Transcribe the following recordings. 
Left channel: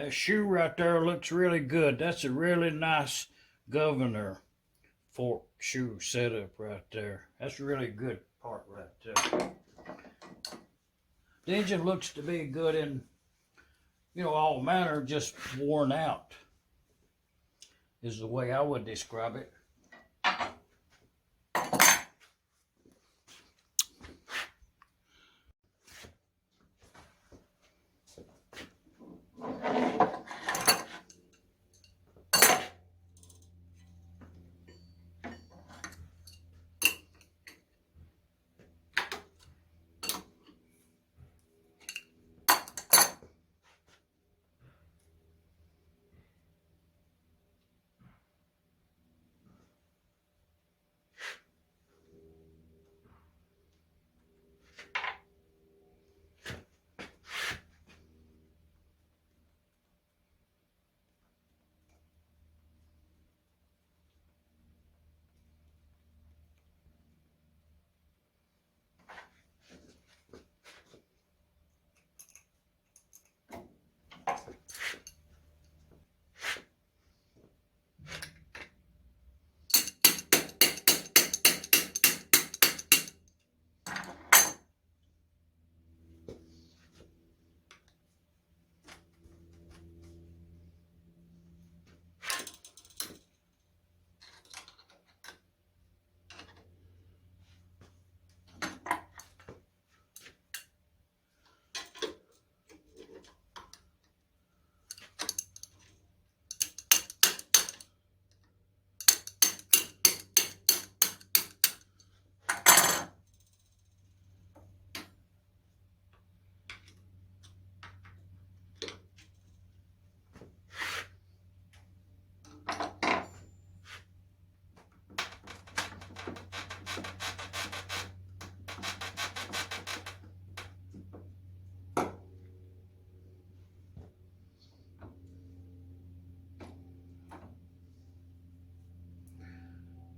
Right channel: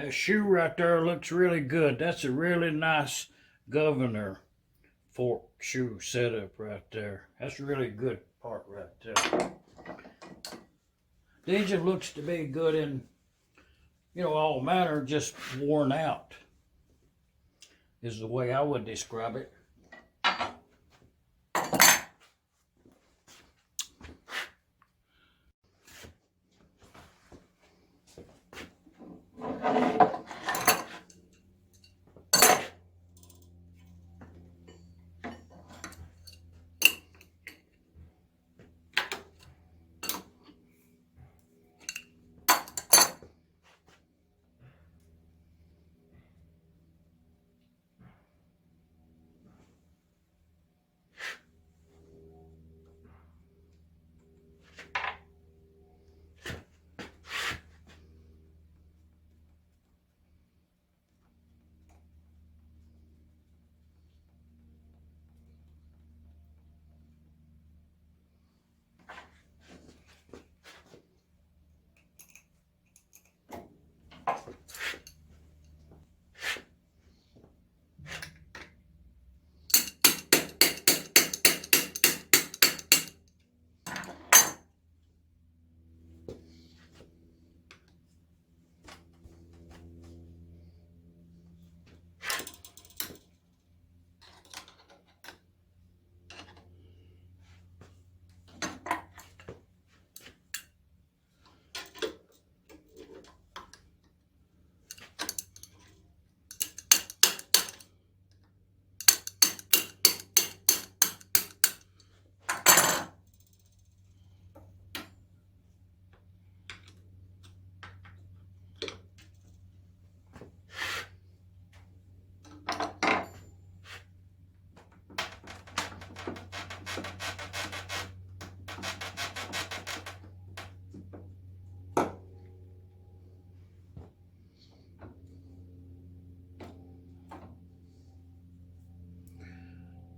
That shoe right there looks really good. That's a really nice governor fork shoe setup right there. That's a really good part right there. The engine looks to be good in, all manner, just worn out is the way I would describe it.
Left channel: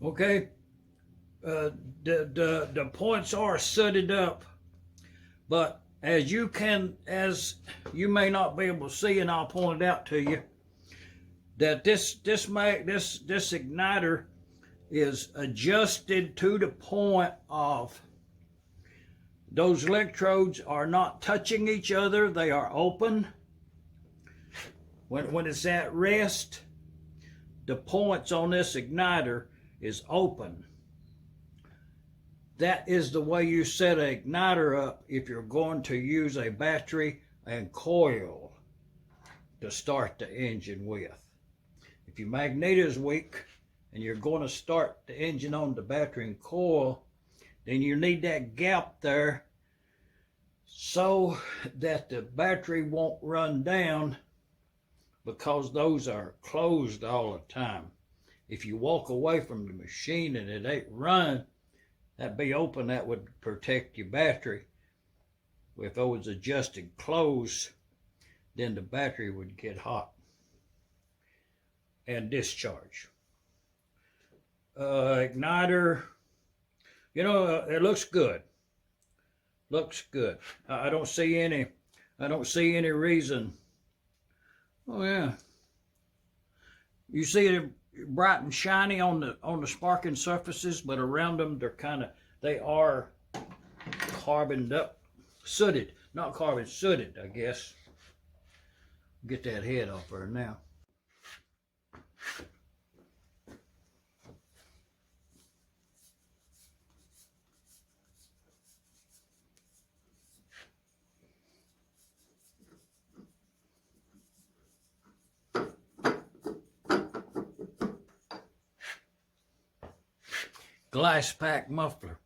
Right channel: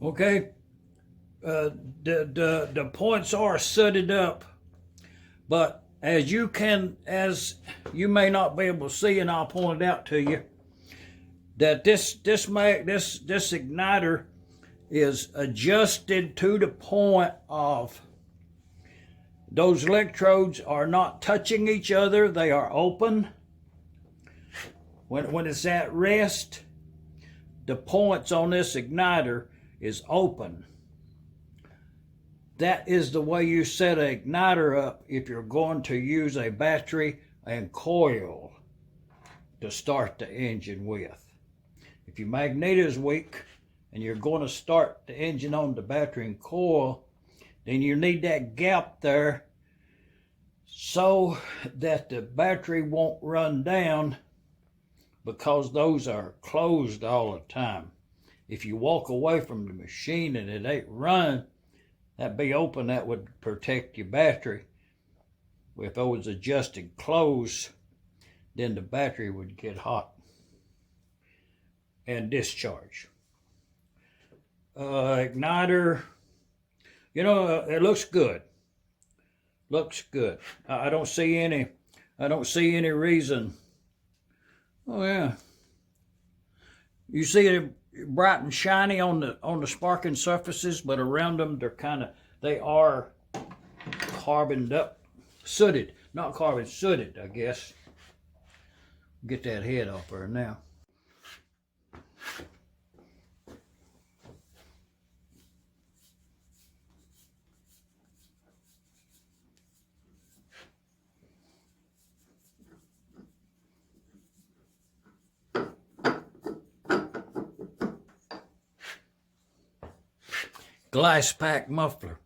Okay, the points are sutted up, but as you may not be able to see, and I'll point it out to you, that this igniter is adjusted to the point of those electrodes are not touching each other; they are open. When it's at rest, the points on this igniter is open. That is the way you set an igniter up if you're going to use a battery and coil to start the engine with. If your magnet is weak and you're going to start the engine on the battery and coil, then you need that gap there so that the battery won't run down, because those are closed all the time. If you walk away from the machine and it ain't running, that'd be open, that would protect your battery. If it was adjusted closed, then the battery would get hot and discharge. Igniter, it looks good. Looks good. I don't see any reason. Oh yeah. You see it bright and shiny on the sparking surfaces, but around them they are carboned up, sooted, not carbon, sooted, I guess. Get that head off her now. Glass pack muffler.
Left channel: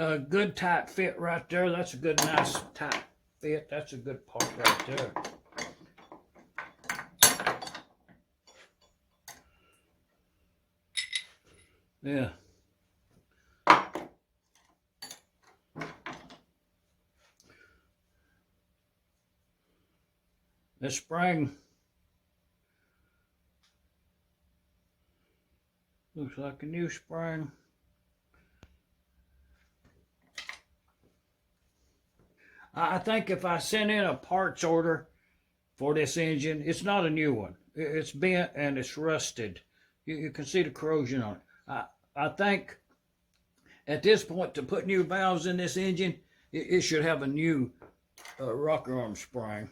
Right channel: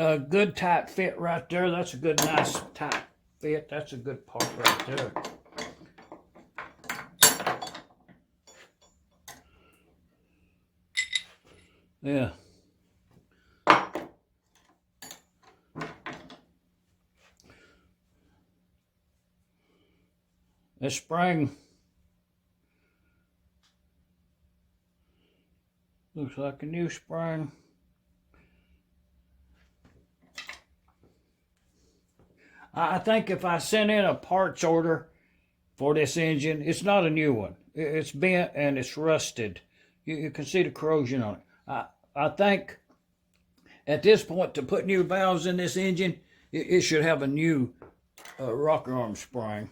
a good tight fit right there. That's a good, nice tight fit. That's a good part right there. Yeah. This spring looks like a new spring. I think if I sent in a parts order for this engine, it's not a new one. It's bent and it's rusted. You can see the corrosion on it. I think at this point, to put new valves in this engine, it should have a new rocker arm spring.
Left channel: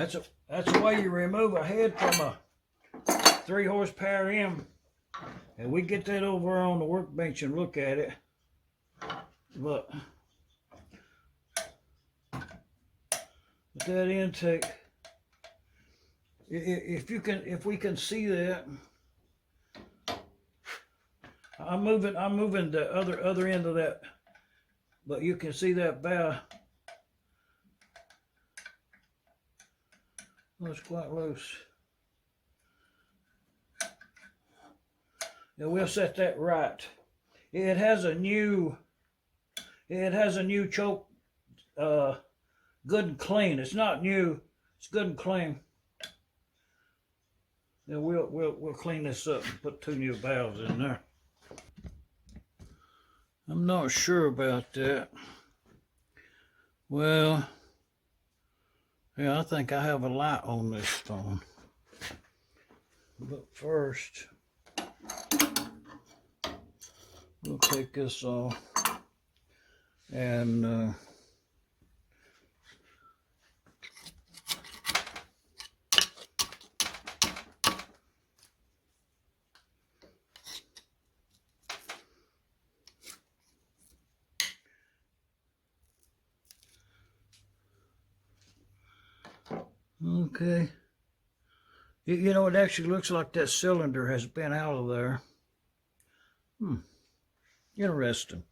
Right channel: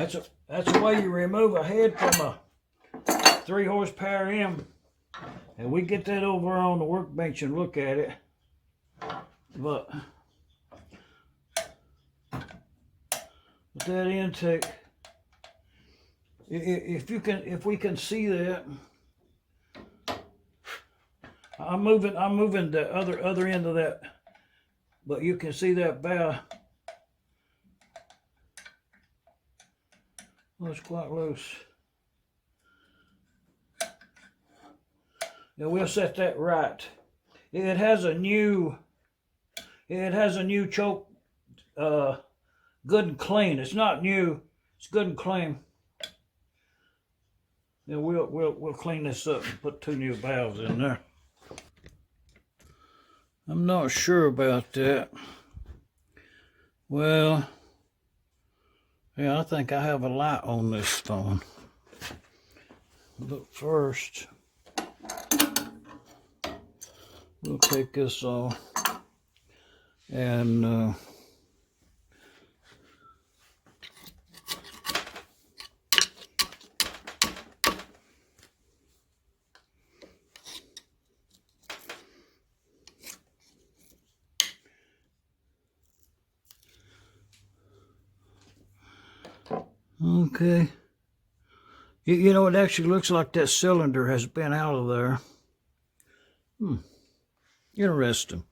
That's the way you remove a head from a 3 horsepower M. And we get that over on the workbench and look at it. But with that intake, if we can see that, I'm moving the other end of that, but you can see that valve. Oh, it's quite loose. Yeah, we'll set that right. It has a new choke, good and clean. It's not new, it's good and clean. And we'll clean this up and put 2 new valves in there. I'm not sure about that. Well, yeah, I think I have a light on this phone. But first, we'll take this off and okay. You know, it actually looks like that cylinder has been out of there. Interesting.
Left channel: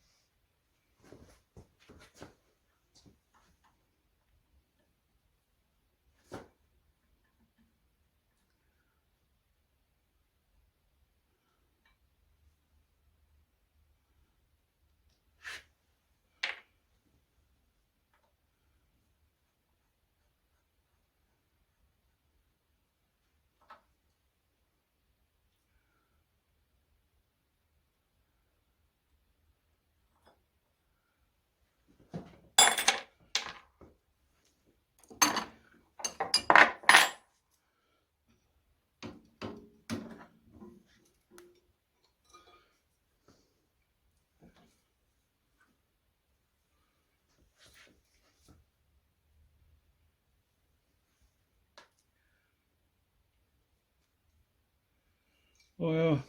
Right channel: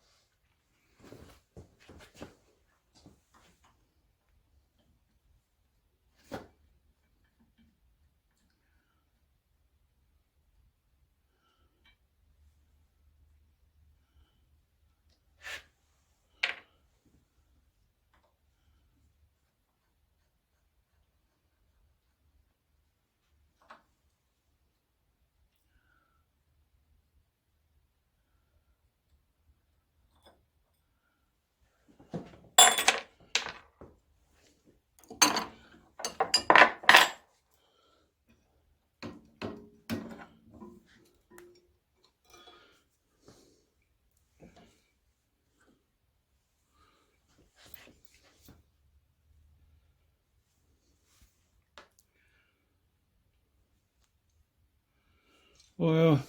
Well,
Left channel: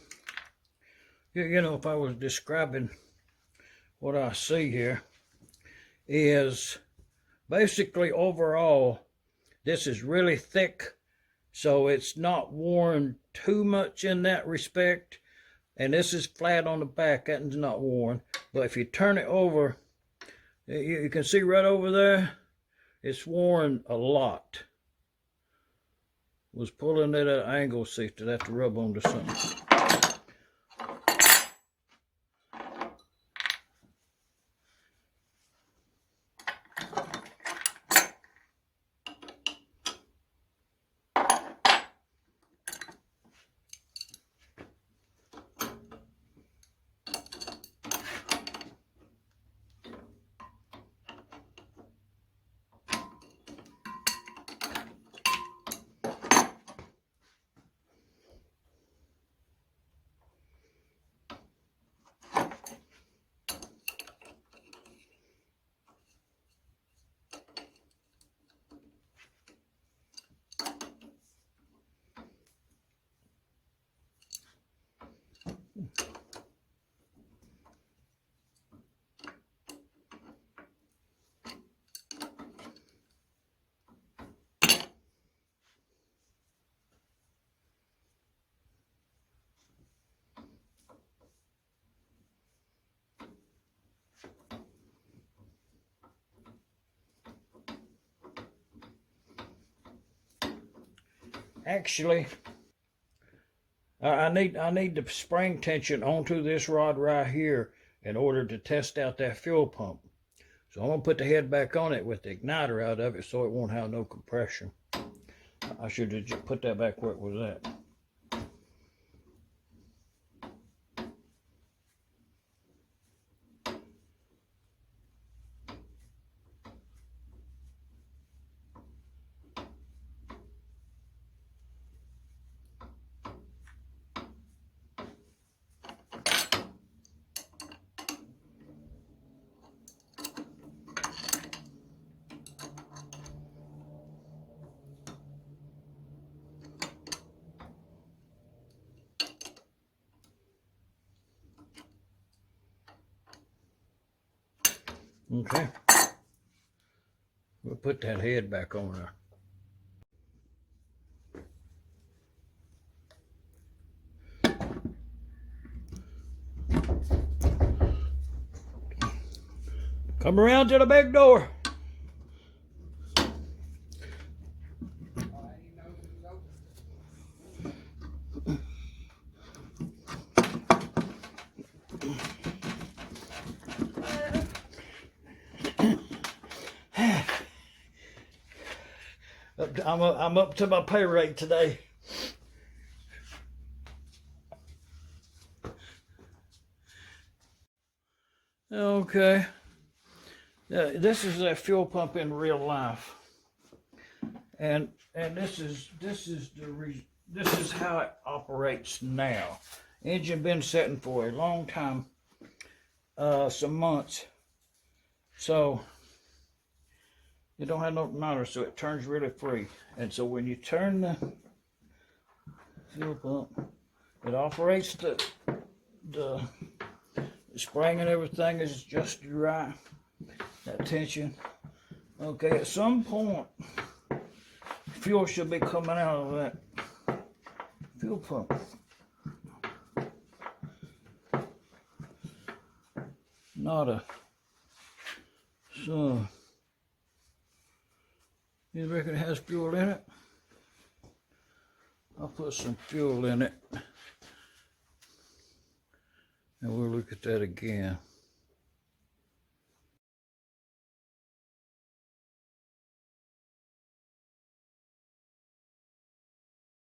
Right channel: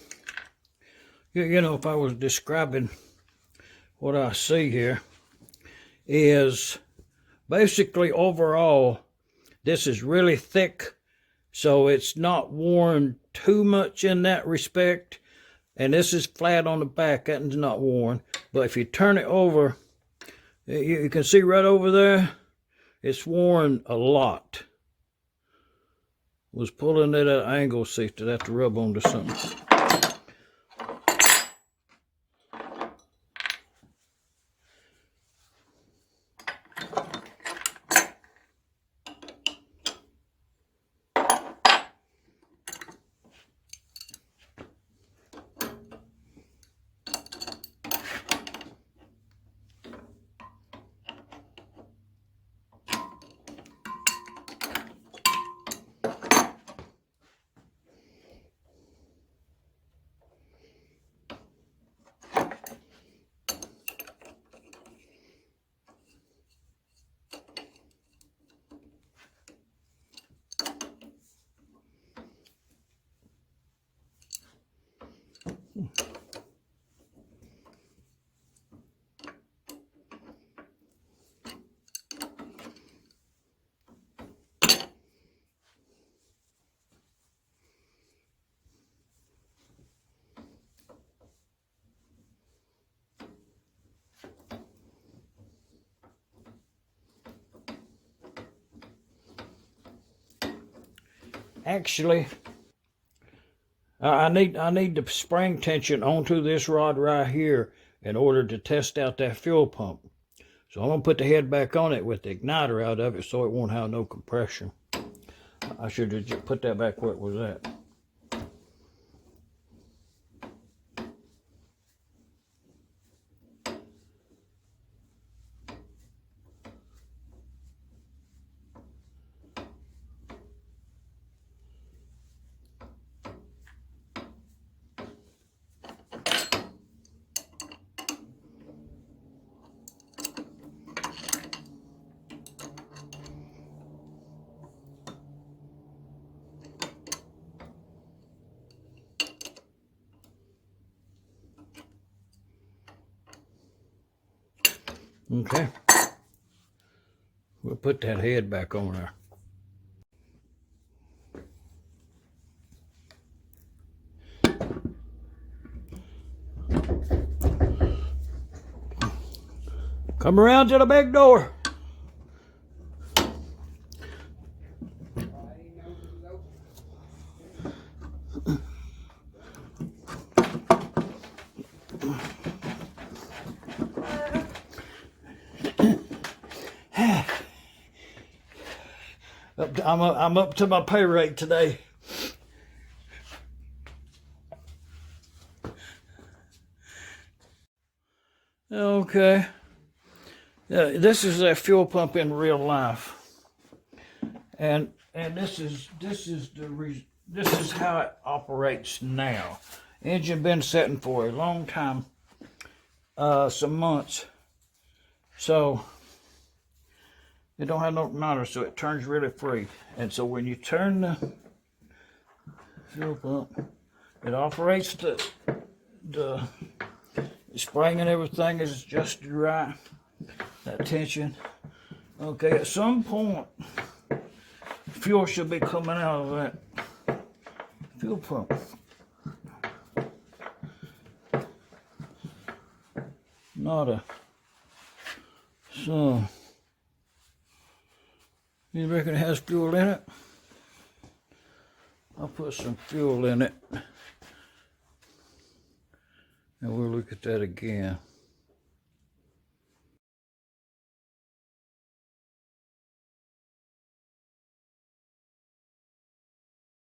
you know, if I was describing what I see here, is basically overall, this is really thick, so it's not worn too much in that respect. And this is flat on the back, that is not worn. But if you turn it over, you can see right over there, it's worn a lot. Was pulling it at an angle, see if I have to rub onto something. Actually, I need the spring tension onto this rod right here in order to test out that fuel pump. So I'm going to put the head back on it with the igniter out of it so it won't have no compression. I should have just put that back where it was at. Okay. We'll put that head back on there. Come around to the big door. I'm up to my pay rate today. Okay. This is a fuel pump in real life, and this is how it operates now. Engine been sitting for a long time, some months, so it don't have no motor, so it turns really free. And so when you turn the fuel pump, it operates the spring and everything is just right. That tension. Okay, at some point, fuel should be coming out of that fuel pump. Nada. So, you reckon it has fuel in it? I'll put some fuel in it. And we'll look at that again.